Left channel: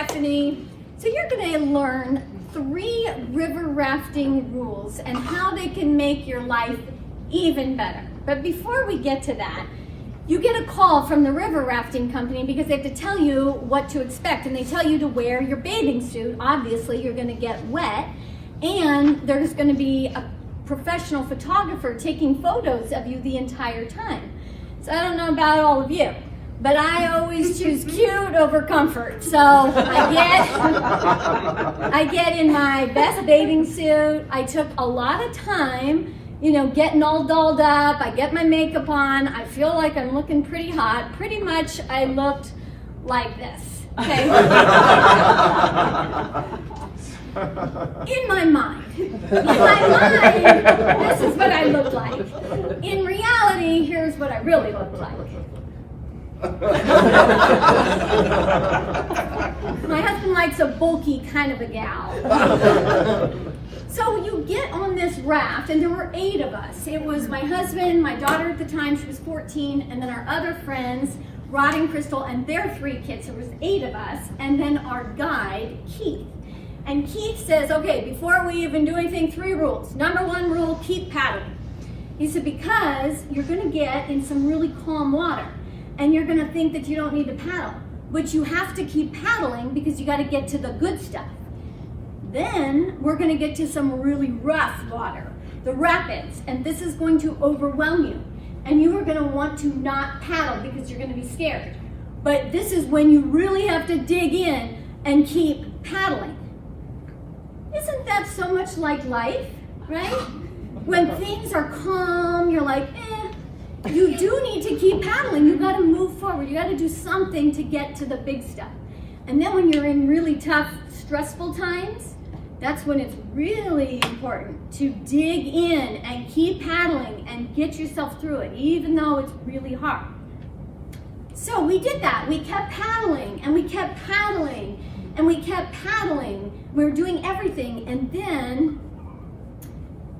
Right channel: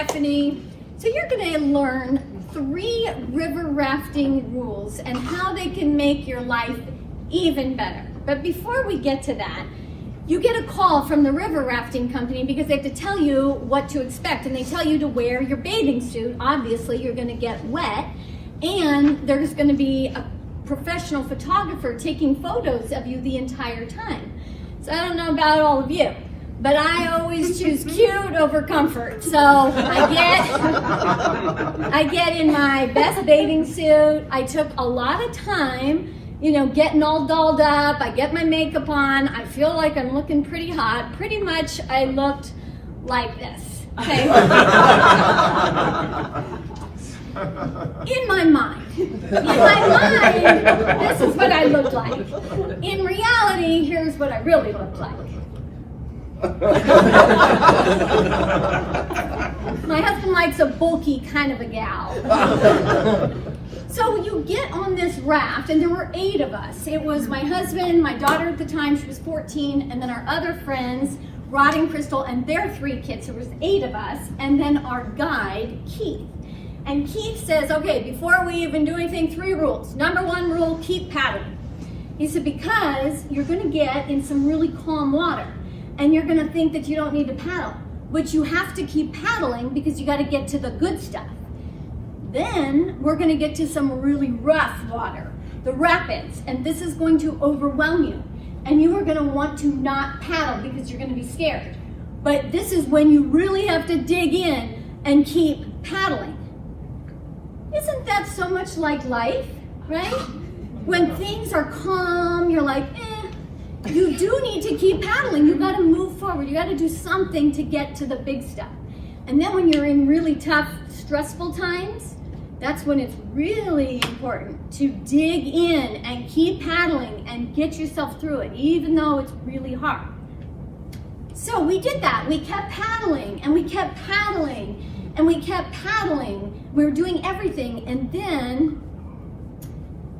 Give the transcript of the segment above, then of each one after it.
Stephanie. So you're going to learn 3 river rafting rules and how they can make your life even better. But before we get to that, you get a call from the river rafting company because they have to tell you what to expect, and they tell you to wear your bathing suit. Obviously, you're going to get wet, and there's going to be a professional photographer taking photos of you the entire time. So I don't know about all of you, but I always choose cute over comfort. So I get in my best bathing suit. I took a lot of time, you know, getting all dolled up. I get my makeup on. I feel like I'm looking pretty hot. Pretty much I looked like this, okay? In my mind, this is what I look like. In reality, here's what I really look like. My husband likes a bulky kind of a gal. So you get on this raft, and there were 8 of us. It was my husband, my daughter at the time, she was 14, and then our other friends, Rod and Crystal, and their 3 kids. So it was 8 of us, and then our guide, Keith. And Keith says, okay, before we even do anything, 3 rules. Number 1 rule, keep paddling. He said, because you're gonna get in some really calm water, and you're gonna think that you don't need to paddle, but you have to keep paddling because you gotta get to the good stuff. Then we're gonna get to some really rough water, the rapids, and this is going to overwhelm you. And you are gonna want to not paddle because you're gonna be scared. But this is when you really have to dig in and keep paddling. Isn't that so much like life, right? When things are calm, you're like, you do need to keep paddling. You gotta move forward. You gotta do something to get to the big stuff. And then when you're in really tough, stressful times, that's when it's really important to dig in and keep paddling and get yourself through it, even though it's really hard. So we did that. We kept paddling, and we kept paddling, and we kept paddling. We were doing everything, and then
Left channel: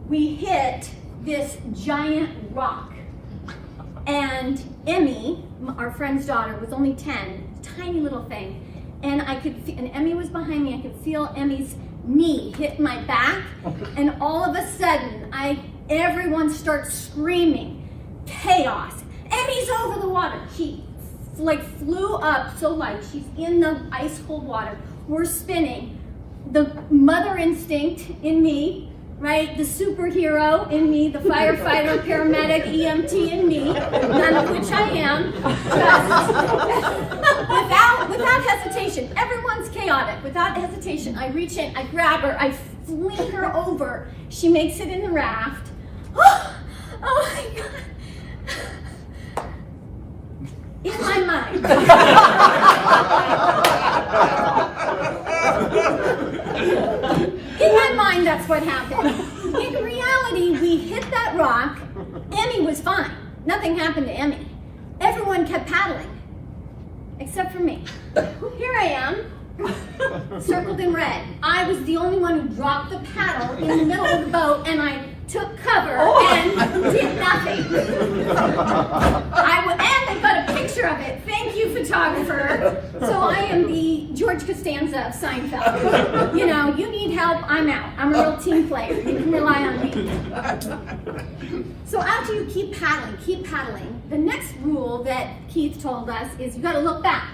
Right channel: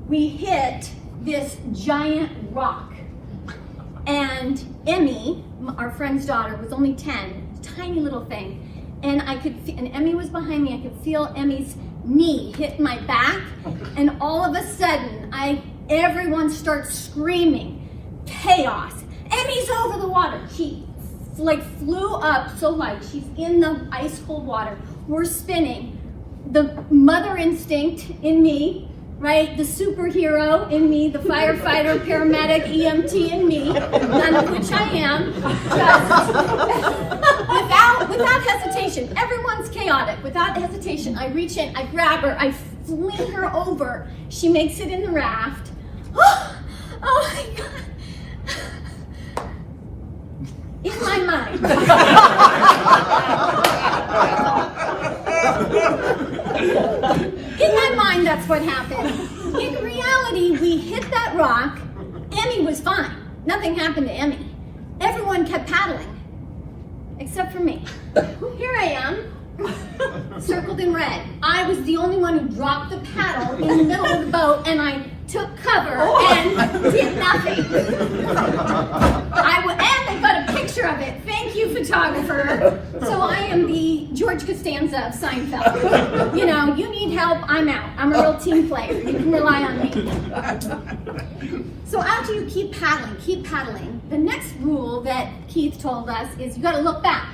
we hit this giant rock. And Emmy, our friend's daughter, was only 10, tiny little thing. And and Emmy was behind me. I could feel Emmy's knee hit my back, and all of a sudden, everyone starts screaming, chaos. Emmy's over the water. She flew up so light. She's in the ice cold water. We're spinning. The mother instinct in me, right? The superhero in me, the firefighter, paramedic, EMT in me, none of which I am, just without hesitation. Everyone's chaotic. Without hesitation, I reach in, I grab her, I fling her over. She makes it in the raft. Oh my God. In my mind. In my mind, that's what happened. In reality, we hit that rock. Emmy was fine. Nothing happened to Emmy. Everyone kept paddling, except for me. Here I am, circled in red. I was the only one who dropped the paddle in the middle of the boat, and I took cover and did nothing. And I got a picture of it. Thank you, photographer. So I am the George Costanza of Seinfeld. You know, you need help, I'm out. I'm a real team player. You can rely on me. So after you keep paddling, the next rule that Keith told us is you got to look back.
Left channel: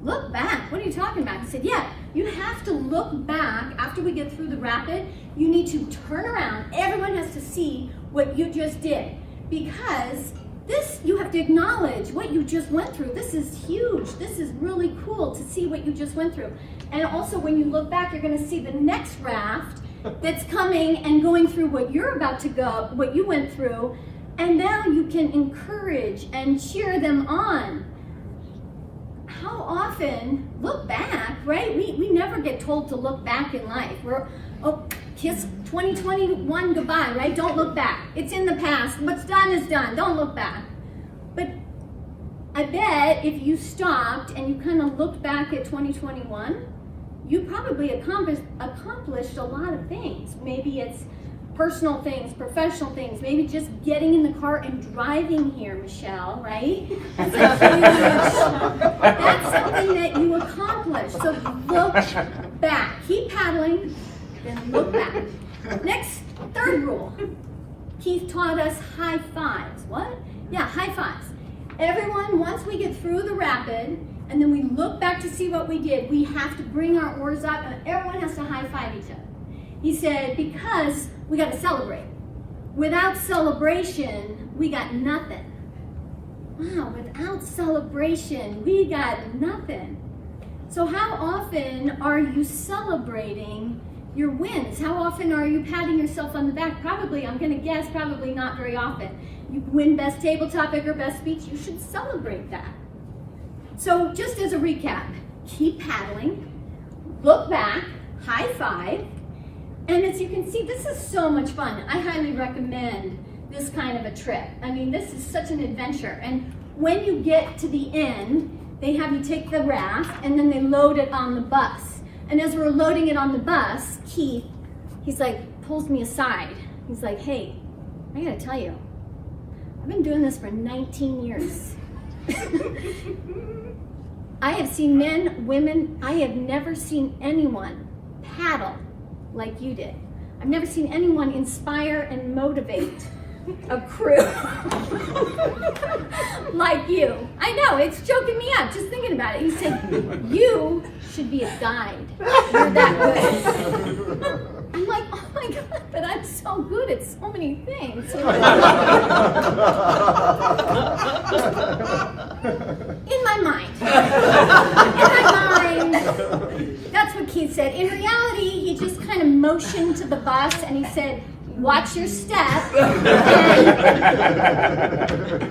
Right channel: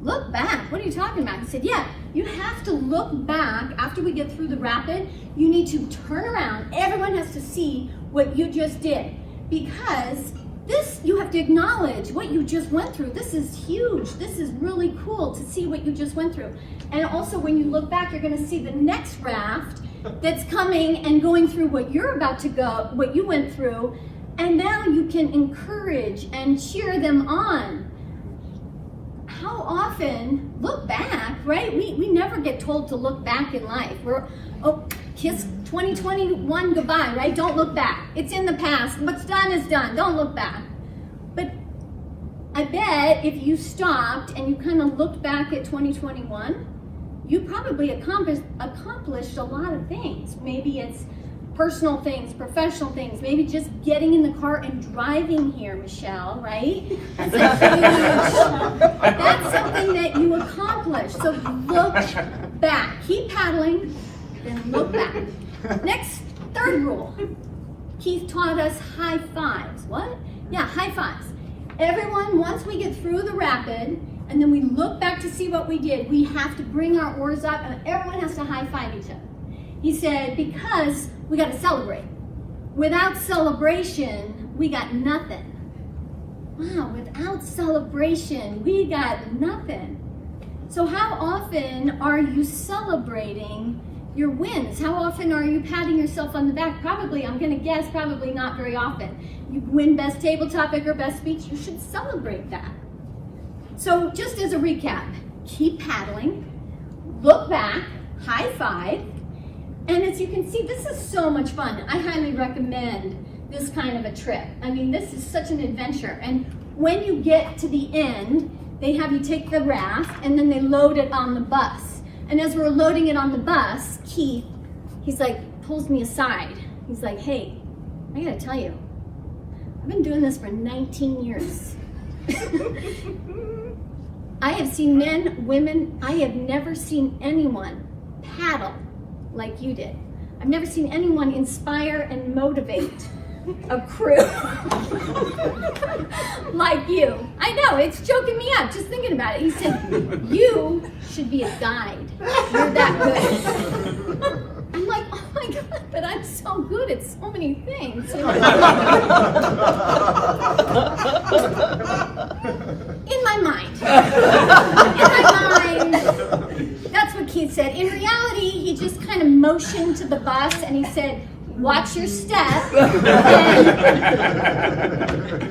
Look back? What are you talking about? He said, yeah, you have to look back after we get through the rapid. You need to turn around. Everyone has to see what you just did, because you have to acknowledge what you just went through. This is huge. This is really cool to see what you just went through. And also when you look back, you're going to see the next raft that's coming and going through what you're about to go, what you went through. And now you can encourage and cheer them on. How often, look back, right? We never get told to look back in life. Kiss 2021 goodbye, right? Don't look back. It's in the past. What's done is done. Don't look back. But I bet if you stopped and you kind of looked back at 2021, you probably accomplished a lot of things. Maybe it's personal things, professional things, maybe just getting in the car and driving here, Michelle, right? That's That's something that you accomplish. So look back. Keep paddling, then look back. Next, third rule. Keith taught us high fives. What? Yeah, high fives. Everyone, once we get through the rapid, and then we look back to see what we did, we have to bring our oars up, and everyone has to high five each other. He said, because we got to celebrate. Without celebration, we got nothing. Wow, without celebration, we got nothing. So how often are you celebrating your wins? How often are you patting yourself on the back? Probably, I'm gonna guess, probably not very often. You win best table topic or best speech, you should celebrate that. So just as a recap, keep paddling, look back, high five, and as you can see, this is so much fun. I highly recommend this kind of a trip. I mean, this is such an adventure. And when you get to the end, they have you take the raft and then they load it on the bus. And as we're loading it on the bus, Keith, he's like, pulls me aside. He's like, hey, I gotta tell you, I've been doing this for 19 years. I have seen men, women, I have never seen anyone paddle like you did. I've never seen anyone inspire and motivate a crew like you. I know, it's choking me up just thinking about it. He said, you should be a guide. You're that good. I'm like, oh my God, but I'm so good at so many things. You know? In my mind. That's what Keith said. In reality, he just kind of motioned to the bus and he said, watch your step, and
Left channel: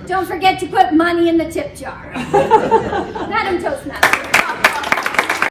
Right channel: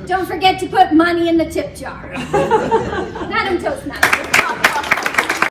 don't forget to put money in the tip jar. That's